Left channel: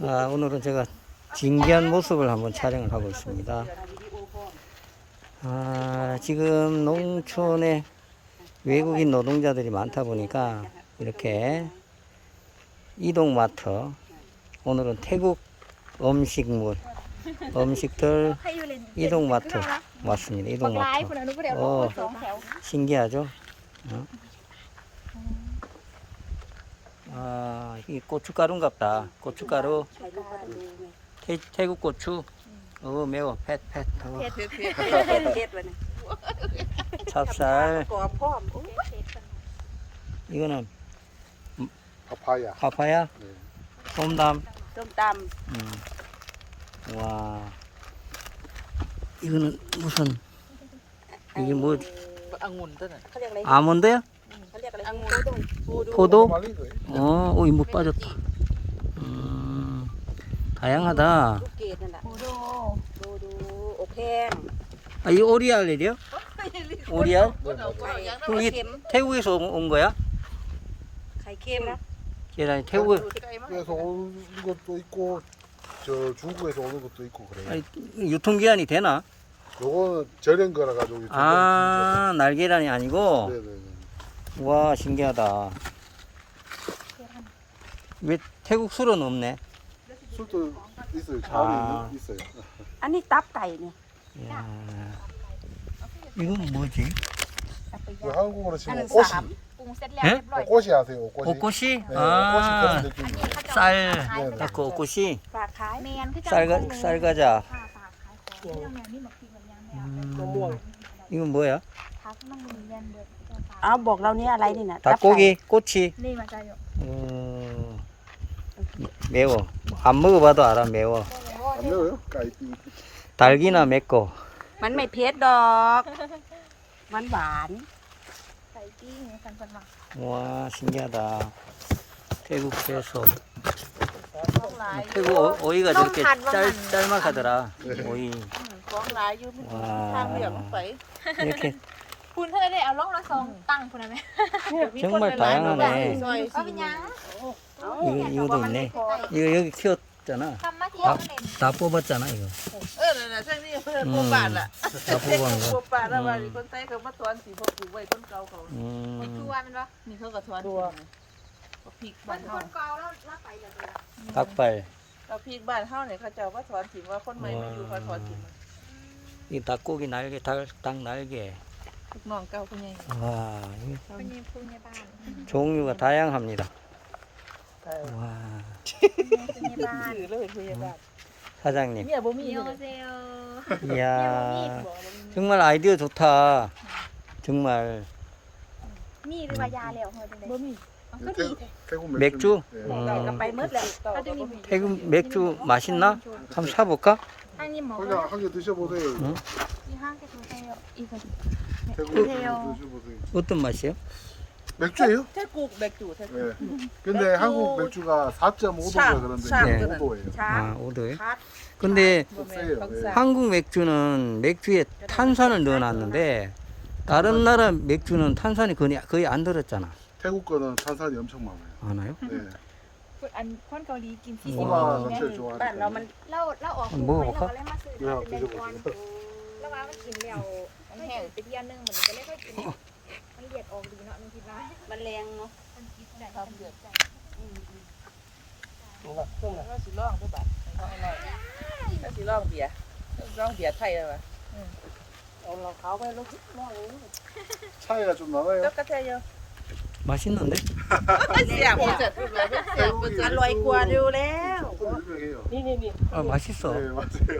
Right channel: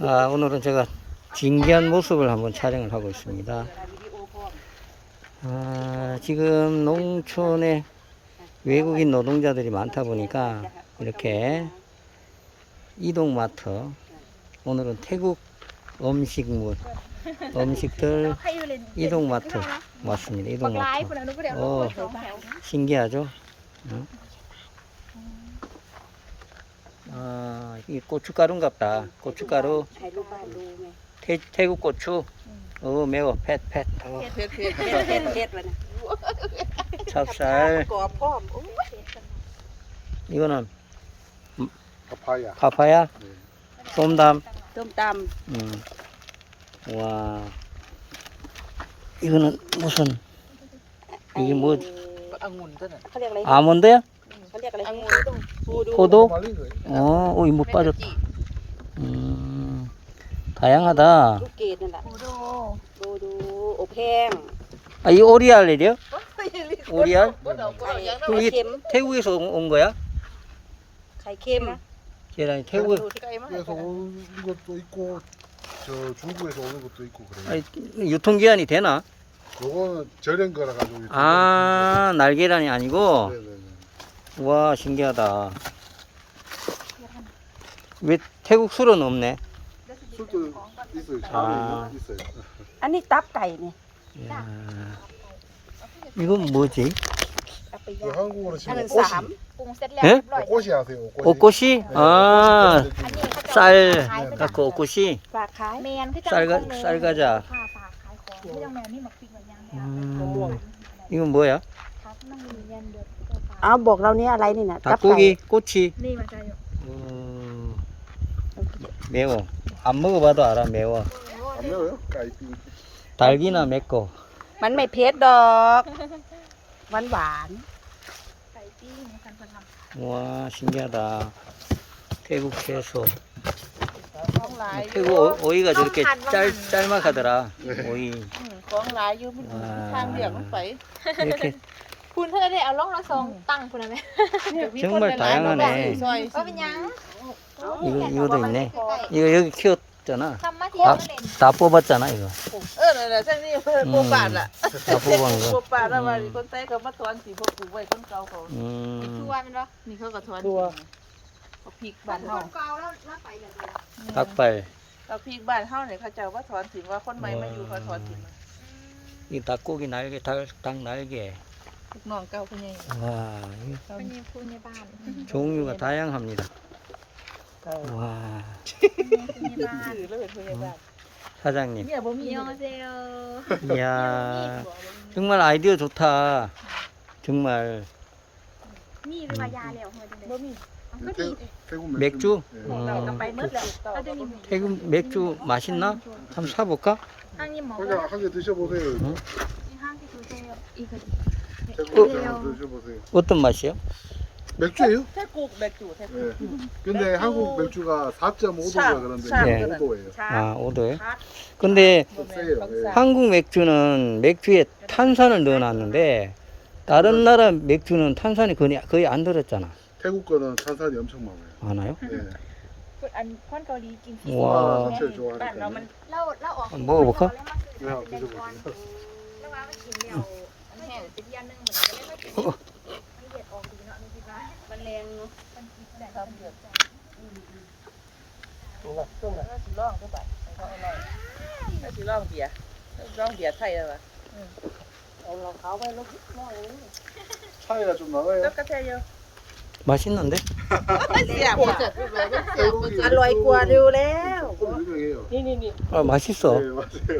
아, 오늘은 제가 진기한 모습을 한번 촬영을 하고 있습니다. 아, 지금 농촌에 외국인 노동자들이 많다 보니까 이렇게 이동마트 오늘은 태국 음식물 음식들 이동마트 왔습니다. 이동마트. 어, 신기하죠? 어? 아, 이 고춧가루인갑다. 고춧가루, ใครรู้ก็ต้องดูไง 태, 태국 고추. 어, 매워. 팻, 팻. 어, เผ็ดเผ็ดเผ็ดเผ็ดเลยนะ 찹쌀. กรอบพร้อม 이거는 파파야. 파파야, 쏨담. ส้มต 음. 와. 이거는 무슨 이게 뭐 ำเขาเรียกอะไร 아몬드야? เ 음. 음. 포도? 어, 어, 어 오이 뭐 빠졌다. 음, 다양하다. 아, 이 오리알이래요? 오리알? 그럼 이게 태국에서 온, 거야? 계란이 태국에서 온 것도 있고 저 중국에서 오는 것도 있고 그래요. 아니, 유통기한이 되나? 요거는 절연 거라 가지고. 아, 날계란이 아니고? 네네네. 와 신기하다 왜 태국 술은 없네 술도 있어요 아. 아니 땀가이네 야. 이건 뭐지? 그 한국어로 지금 꽃이 예? 네? 꽃이 아세요? 옷꽃이? 네, 아, 쌀 네, 갖고 옷꽃이? 쌀가, 쌀가자 음, 이건 뭐야? ทักมันมีเงินเดือนตัวฝาก อ้าวบอกเราเนี่ยอะไรนี่นะ 닭고기, 꼬치. นี่มาใช่ 어, 매워. 안 먹어봐도 알아, 매워. 안 매워요? 까이삐. 달기나 맵고. มันไม่เผ็ดดอกหวานหวาน ไก่ปิ้งกันเป็นว่า 와, 신기하다. 태국 채소. 태국 오- 오이가 저렇게 짤, 짤막하더라. 오이. ของหลายอยู่ 와. ไป 이렇게 คุณเธอได้เอาลงละสองตั้งคุณได้ไหม chứng mới thấy nó nè ว่าเป็นหยัง như như đỉnh nè như như kêu cho nó ทำมาที่ tập tập bố bắt cho nó rồi เออนั่นแหละใช่นี่เป็นผู้บาดล่ะ tập bố bằng ผู้ rồi บาดแล้วว่ามีคนใส่เขามาถอนสีพวกถูกไว้คนเก่าเขา Ừ. ตัวมันบ่นี่เขาก็ถอนตัวเอาพริกบ้านเฮาตักไปเอาพริกบ้านเฮาเนี่ยเขาเจ้าว่าถอนถิ่นว่าคนใหม่มาอยู่เขาถอนถิ่นมา อีตักกูกินไหนก็ทักตั้งไหนแก่ ลูกน้องเก่าผู้ใหญ่ 와, 이 เป็นยี่พูนยี่บ้าน 종류가 다양합니다. 와, เป็นยี่บ้าน ถือแล้วเป็นผู้ใหญ่บ้าน 사장님. เนี่ยบ่มี มีโอเซล 이야, 정말 아이디어 좋다. 정말 นี่เป็นยาแล้วหัวดูเลยก็ดี 태국 맥주? 네. 음, ไปมืดเลย ก็จะมี 태국 맥주 맛있나? 한번 사볼까? อันนี้หมอ 그냥 한 개 드셔보세요. 응? ที่ห้างที่เข าใช้อีก 태국 드셔보세요. 어떤 맛이요? 맥주예요? แค่ปลูกแบกจู่แท้ 네. 근데 한국 맥주가 4.5도가 샵, 그런데 샵. 네. 5도예요. 아, 5도에? 근데 세요. 예. 한국 맥주는 맥주에 탄산을 넣어놨는데 다른 나라 맥주는 탄산이 거의, 거의 안 들었잖아. 태국 거는 탄산이 엄청 많아요. 많아요? 네. อันควันเกาหลีกิน 와. 제일 บ้านเรา 좋아하는 มัน เราเราออก 먹어볼까 แล้วว่ากินแล้วมันแ ห้งไปเที่ยวนึงเหมือนกันเลยไม่กินมันเหยียดออกดีเนาะมีที่บ้าน มันแรงเนาะ มันคิดแต่มันเดือดใจ ว่าสิร้องได้บ่เขาไอ้ไหนว่าสิร้องเบียร์ร้องเบียร์ไทยแล้วล่ะ 차이가 좀 나나요? แล้วก็แท้เยอะ 맛있는데? เสียบอ่ะ อร่อยกว่าเร็วแล้ว 조금 유명해요. 아, 맛있어. 네, 맞아요.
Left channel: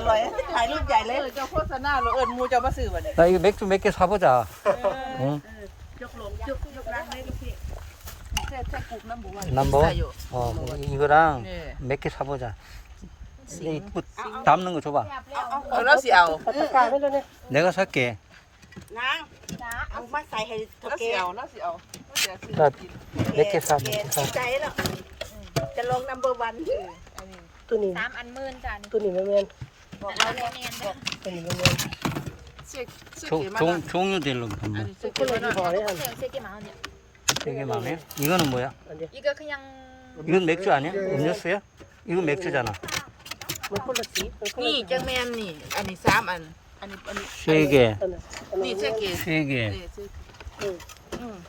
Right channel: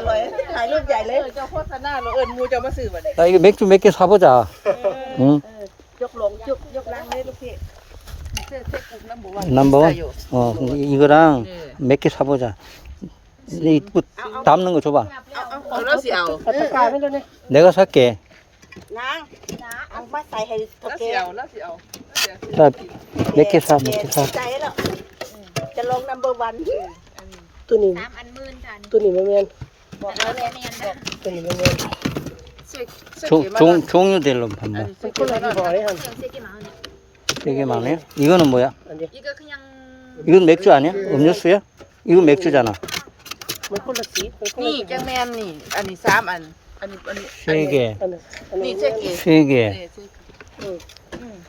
ร่อย ถ่ายรูปใหญ่เลย เจ้าโฆษณาเราเอิญมูจะมาซื้อวันนี้ 나 이거 맥주 몇 개 사보자. 응? ยกลงยกยกลังเลยลูกพี่ แค่แค่กลุ่ม number one 넘버원? ใส่อยู่ 어, 이거랑 네. 몇 개 사보자. 이 뭐, 담는 거 줘봐. เอาเอาเอาแล้วสิเอา 내가 살게. นางเอามาใส่ให้ แล้ว เก สิเอาแล้วสิเอาแล้วสิเอาคือ 나 กิน 몇 개 사, 몇 개 사. ใจแล้วจะลงนัมเบอร์วัน อันนี้ ตัวนี้ สามอันหมื่นจ้ะนี่ ตัวนี้ไม่แม่น 조, 종, 종류별로 봤나? 되게 많네. 이거는 뭐야? 이거 그냥 이건 맥주 아니야? 음료수야? 이거 맥주잖아. 니 정면 니 아니 삼 아니 아니 아니 세 개. 니세 개. 세 개. 응. 응.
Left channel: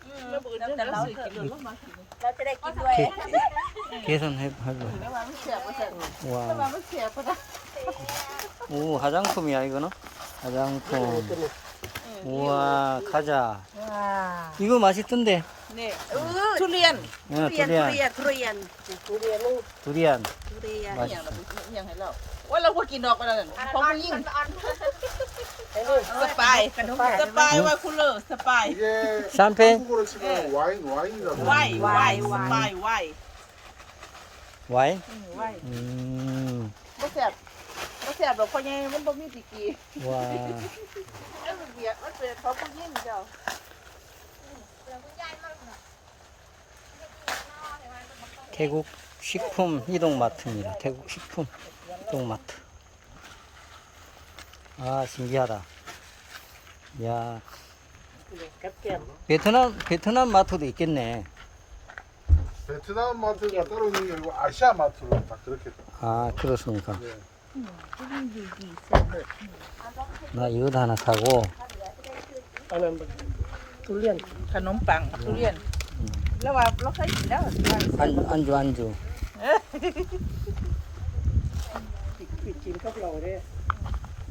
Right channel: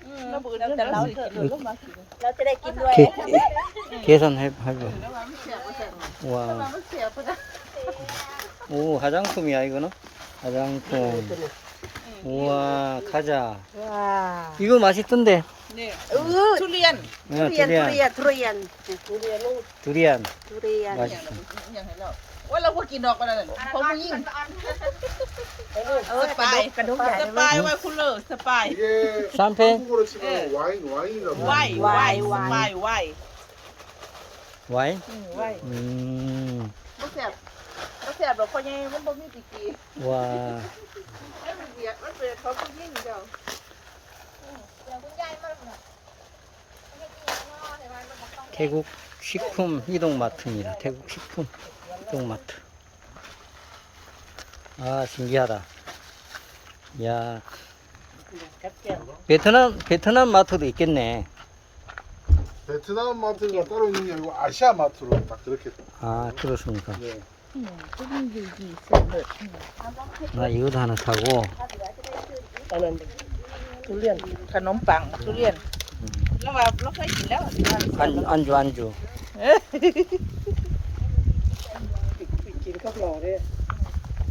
สื้อเก๋อืมเอา มันอันนี้ เออแล้วเก็บใส่รถแล้วเบื่อแต่เราสิกินรถแล้วมากิน เราจะได้กินด้วย 계, 계산해, 해봐. แล้วว่ามันเสียบมันเสียบ 와. มันเสียบก็ได้ 오, 화장품이야, 이거는? 화장품. 우와, 과자. ว้า 이거 맛있던데. นี่ทุเรียน 어, ทุเรียน 두리안. ทุเรียนทุเรียน 두리안. ทุเรียน 맛있어. อย่างเราเป็นอย่างให้เราว่าเราพวกกินดอกกันนั่นเพราะมึงยิ่ง สปาย กระดกใหญ่ สปายว่าคุณเลอสปาย 이게 샴페인? 한국어로 치면 와인 와인이라고 ไหวไหวสปายไหว 와인? ไหว 음, ไม่แซ่บไม่แซ่บแบบคนยังมันบ่มีปีกี 와. มันเดียมันเป็นเขาผู้ยิ่งเจ้า 태국 식품 이동마트입니다. 태국 식품 이동마트. 아 신기하다. 야 베트남 베트남 마트도 있겠네. 베트남 마트가 따로 있는 게 아니고 아시아 마트로 딱 그렇게. 아 그렇습니까? 네. 나 이것도 하나 사고. 음. 안 안주 안주. ปิดกิน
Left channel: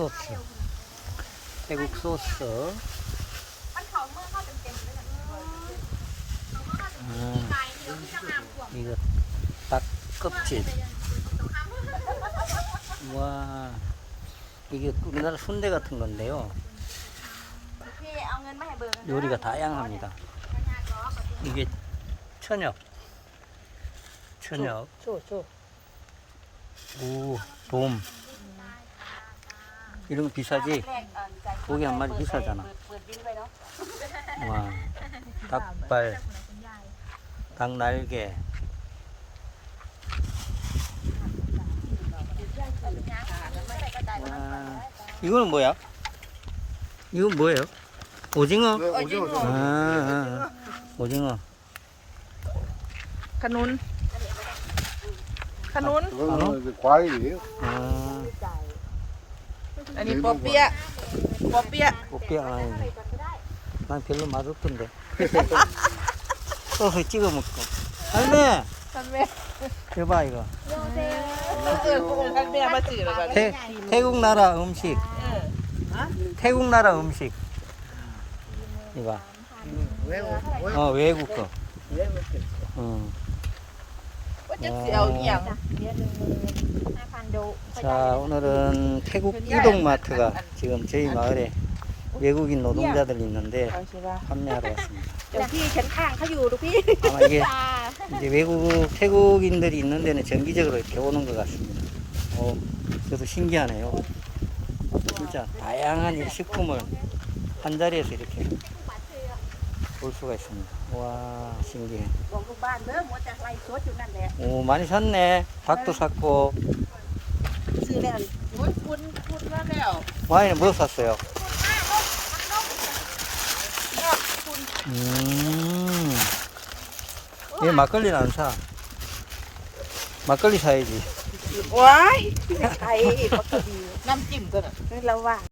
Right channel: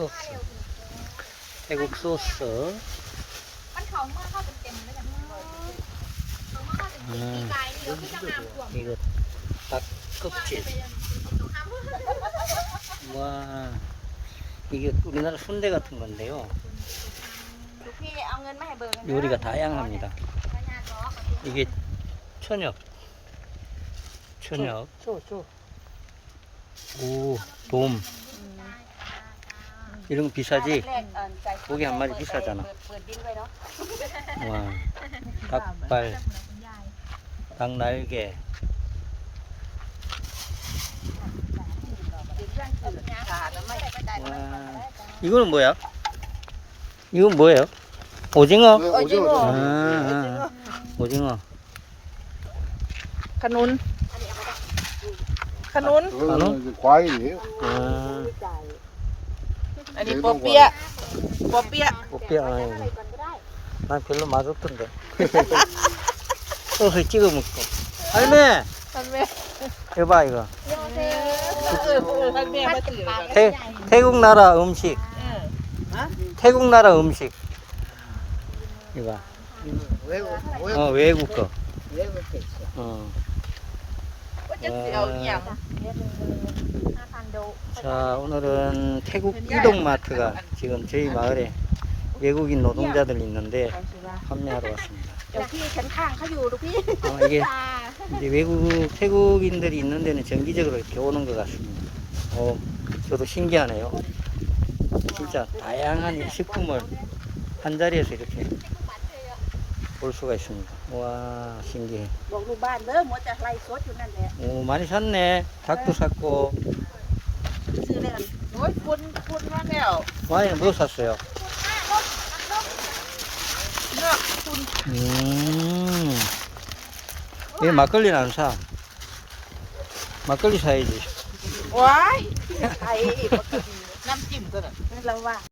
소스. 태국 소스. 아, 이거 닭 껍질. 와. 이게 우리나라 순대 같은 건데요. 요리가 다양합니다. 이게 천엽. 천엽. 오 돔. 이런 거 네, 네. 어, 비싸지? 고기 한 마리 비싸잖아. 와, 닭발, 닭날개. 와, 이거는 뭐야? 이건 뭐예요? 오징어? 오징어. 아, 아, 아. 오징어. 가눈. 가눈? 가눈? 과일이에요. 아. อันนี้ปอเปี๊ยะปอเปี๊ยะ 꽃뼈 아이고. 난 별로 맛없던데. 소스 찍어 먹고. 할매, ท่านแม่ 해봐 이거. เออเออท่านแม่มาซื้อแล้วกัน 태, 태국 나라 음식. 태국 나라 음식. 이봐. 외국 어, 외국 거. 외국 어. ว่าจะสิเอาอหย่าง ห้าพันโด 자 오늘은 태국 이동마트가 지금 저희 마을에 외국인 노동자들이 있는데 판매하러 왔습니다. 아마 이게 이제 외국 태국인들이 있는 데는 정기적으로 이렇게 오는 것 같습니다. 어, 저도 신기하네요. 진짜 다양한 식품을 한 자리에서 이렇게 볼 수가 있습니다. 와 신기해. 오 많이 샀네. 닭도 샀고. ซื้อแล้ว โอ้ยคุณคุณมาแล้ว 와인은 뭐 샀어요? 음. 왜 막걸리는 안 사? 막걸리 사야지. ว้าย ไอ้ น้ำจิ้มตัวนั้น เราว่า